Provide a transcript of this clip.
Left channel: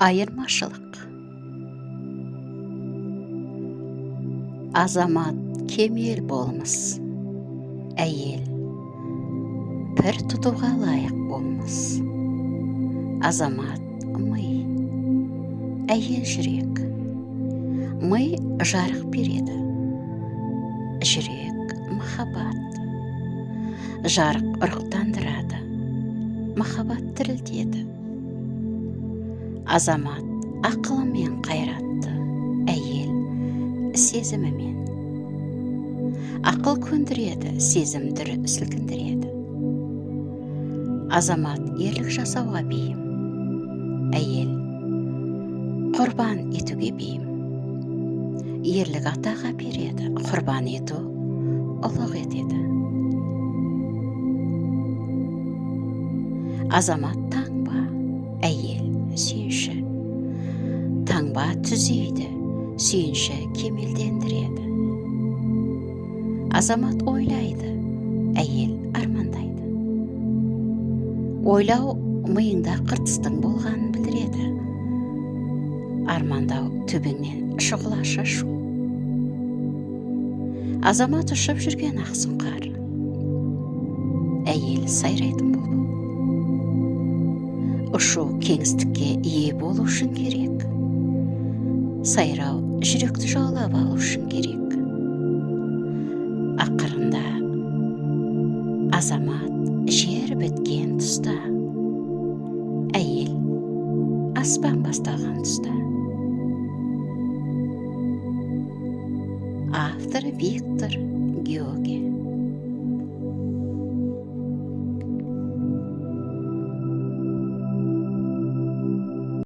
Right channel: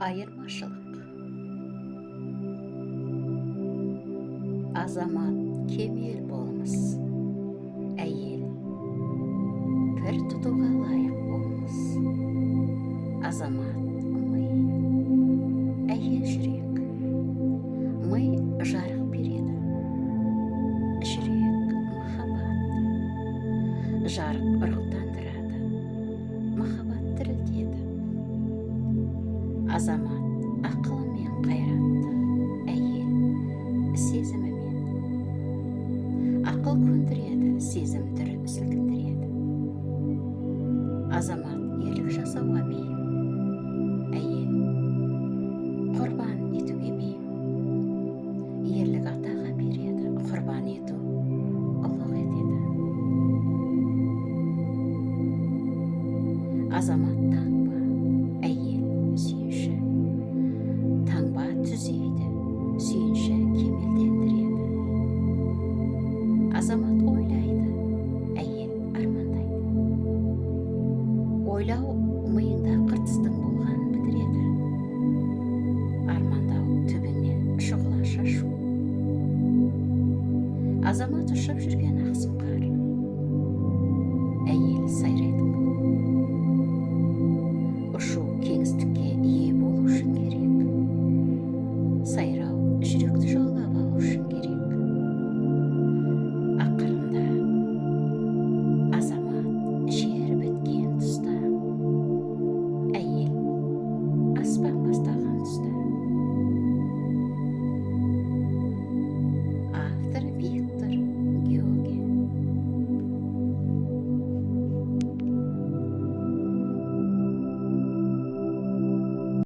Айырмашылық. Азамат кемел болмыс, әйел пір тұтуға лайық болмыс. Азамат ми, әйел жүрек. Ми жарық береді, жүрек махаббат. Жарық ұрықтандырады, махаббат тірілтеді. Азамат ақылымен қайратты, әйел сезімімен. Ақыл көндіреді, сезімдір сілкіндіреді. Азамат ерлік жасауға бейім, әйел құрбан етуге бейім. Ерлік атаға береді, құрбан ету ұлық етеді. Азамат таңба, әйел сүйінші. Таңба түзейді, сүйінші кемелдендіреді. Азамат ойлайды, әйел армандайды. Ойлау миыңда қыртыстың болғанын білдіреді. Армандау төбеңнен шұғыла шашу. Азамат ұшып жүрген ақсұңқар, әйел сайрайтын болу. Ұшу кеңістікке ие болу үшін керек. Сайрау жүректі жаулап алу үшін керек. Ақырында азамат жер біткен тұста, әйел аспан бастаған тұста. Автор Виктор